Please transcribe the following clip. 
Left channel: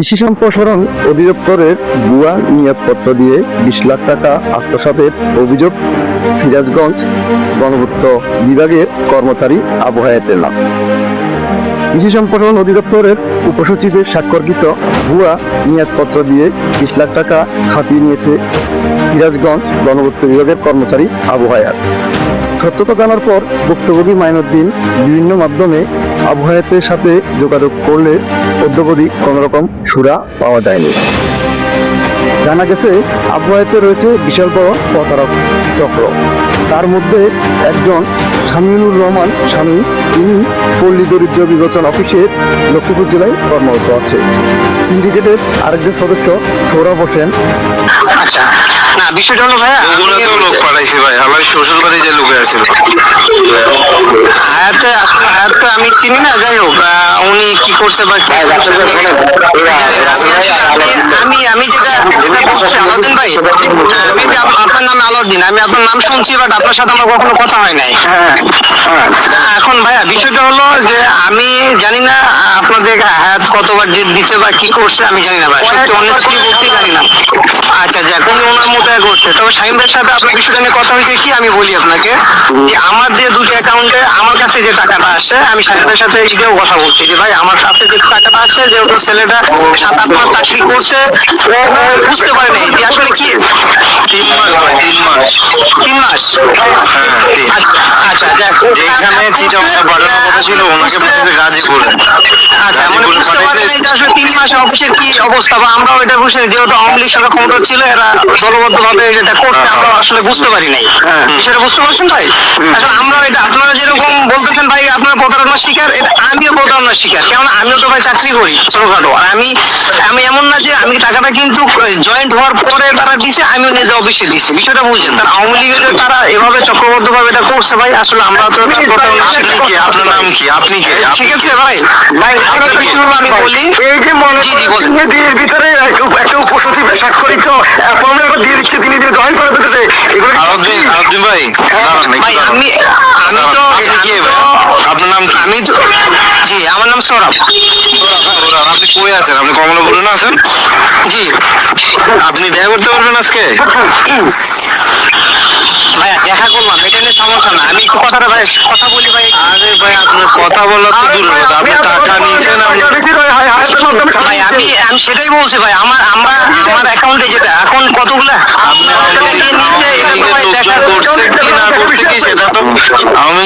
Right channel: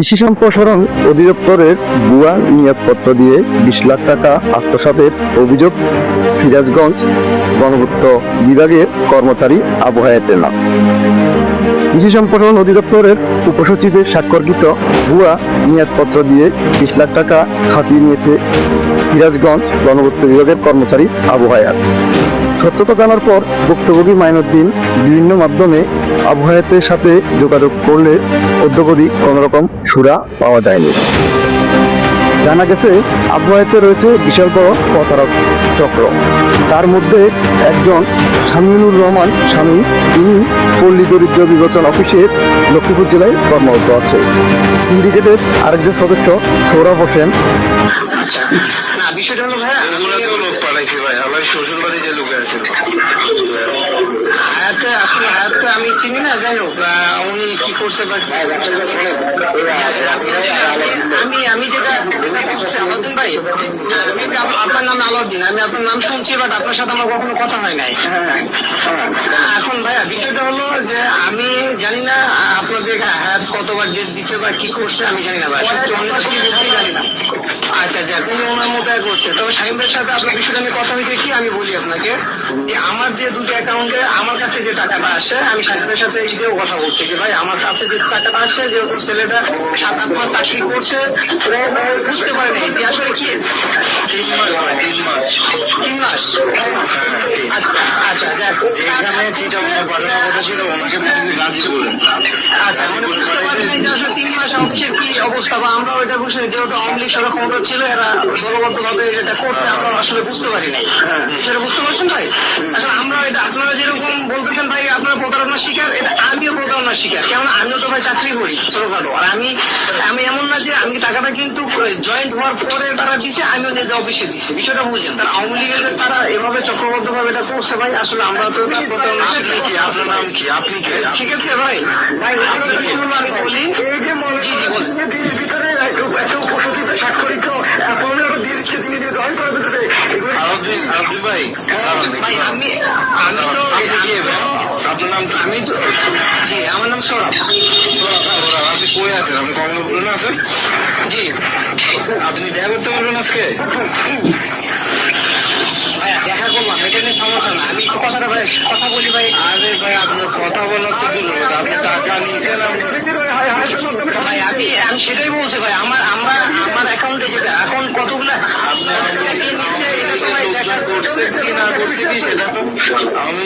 কৃষি সম্প্রসারণ অধিদপ্তরের ভুয়া নিয়োগপত্র দিয়ে 20 লাখ টাকা আত্মসাতের অভিযোগ সিরাজগঞ্জ গণপূর্ত বিভাগের কর্মচারী আবু হায়াতের নাম। কৃষি সম্প্রসারণ অধিদপ্তরের উপসচিবের স্বাক্ষরকৃত ভুয়া নিয়োগপত্র দিয়ে 20 লাখ টাকা হাতিয়ে নিয়েছে সিরাজগঞ্জ গণপূর্ত বিভাগের কর্মচারী আবু হায়াত। সত্যতা জানার পর ভুক্তভোগী মাইনুদ্দিন বিভিন্ন মাধ্যমে আবু হায়াতের সাথে যোগাযোগ করলে অদ্যাবধি কোনোরকম সুরা পাওয়া যায়নি। জানা গেছে আবু হায়াতে রয়েছে বিশাল বড় প্রতারক চক্র। তার মধ্যে একজন শামীমুর রহমান স্বামী, তিনি পল্লী দরিদ্র বিবেচন অফিসের লক্ষ্মীপুর জেলায় কর্মরত আছে। সিন্ডিকেটের আরেকজন সদস্য সৌরভ হোসেন। আচ্ছা, না বিষয়টা হলো ভাইয়া, ওগুলো তো লোক পাঠাইছে ভাই, আমার শ্বশুর বাড়ি যে লোকে আছে। হায়াতটা আমি চিনি না, যাই হোক উনি কি করছে বা কি করছে আমি যেটা বলছি আলাউদ্দিন ভাই, maybe আপনার নাম আলাউদ্দিন, আমি আপনার নাম শুনছি, বাট আপনার সাথে আমার কখনো কথা হয় নাই। এখন ভাইয়া বিষয়টা হলো যে আমি জানি না আপনাদের হায়াত কতবার জেদ দিচ্ছে বা কি করছে আমি জানি না ভাই, সত্যি অনেক কিছু বলতে জানি না। আচ্ছা যাক, উনি ওনার মতো করছে। তবে শাহিম ভাইয়ের সাথে আপনার বিষয়টা নিয়ে কথা হয়েছে কি, আমি বলি আপনাকে যে আমার যে দুটি অ্যাকাউন্টে আমার কাছে যে টাকাটা আসে, আমি শাহিম ভাইয়ের সাথে এটাও কথা বলছি যে ভাই আমার কাছে যে টাকাটা আসে, যেহেতু ছেলেটা 7-8 মাস চাকরি করছে, বুঝতে পারে নাই যে আসলে কি 3 মাস ভাই, 3 মাস। 3 মাস। হ্যাঁ, আচ্ছা যাক, যেখানে চিটাগাং পাঠানোর কথা ছিল ওনাকে পাঠিয়েছে গাজীপুর। আচ্ছা মানে বুঝতে পারেন যে আসলে 3 মাস অফিসের কি অবস্থা, বা আমরাও এটা বুঝে, যেহেতু আওয়ামী লীগ সরকার ক্ষমতা ছিল, এরা দলবদ্ধ ভাবে এটা করছে, আমরা আসলে বুঝতে পারি নাই। সেটা বুঝতে পারছেন ভাই? এখন আমরা এটা আপনারা যেরকম বলতেছেন ভাই আপনার প্রতারণার শিকার, এটা আমিও প্রতারণার শিকার, কেননা আমিও তো ভাই চাকরি করি ছোটখাটো। আর আমি এমন না যে আমি টাকাটা কিন্তু জয়েন্ট হওয়ার পরে তারা দিছে, আমিও নিজে অফিসে দিচ্ছি। বিষয়টা বুঝছেন? তারা আওয়ামী লীগের তারা এভাবে চক্রবদ্ধ ভাবে এটা করছে ভাই, আসলে আমরা তো প্রতারণার শিকার। কি আপনার নাম কি, আপনি কে? ঠিক আছে ভাই, ভাই আপনার বিষয়গুলো আমি বলি। এই যে মনের ভিতরে একটা উপসচিব স্বাক্ষরিত অ্যাপয়েন্টমেন্ট দিয়ে দিচ্ছে, তিনি জয়েন করে দিতেছে, এগুলো কি সত্যি? আলাউদ্দিন ভাই, ভাই আমি তো আপনার নাম কি? আমি তো জি, আমার নাম সৌরভ। আপনি কই আছেন? আপনি কমলাপুরে না আছেন? জি আপনি দেখা করতে পারবেন আজকে? ভাইয়া দেখা করলাম, এটা নিয়ে সমস্যা না, আমি একটু কথাটা ভাই কথা বলি ভাই। আরে ভাই, আপনার কথা বলার তো দূর কথা, আপনি টাকা নিয়েছেন। ভাই আমি সেটাই বলছি ভাই, আমার অ্যাকাউন্টে যেটা এখন কতগুলো আওয়ামী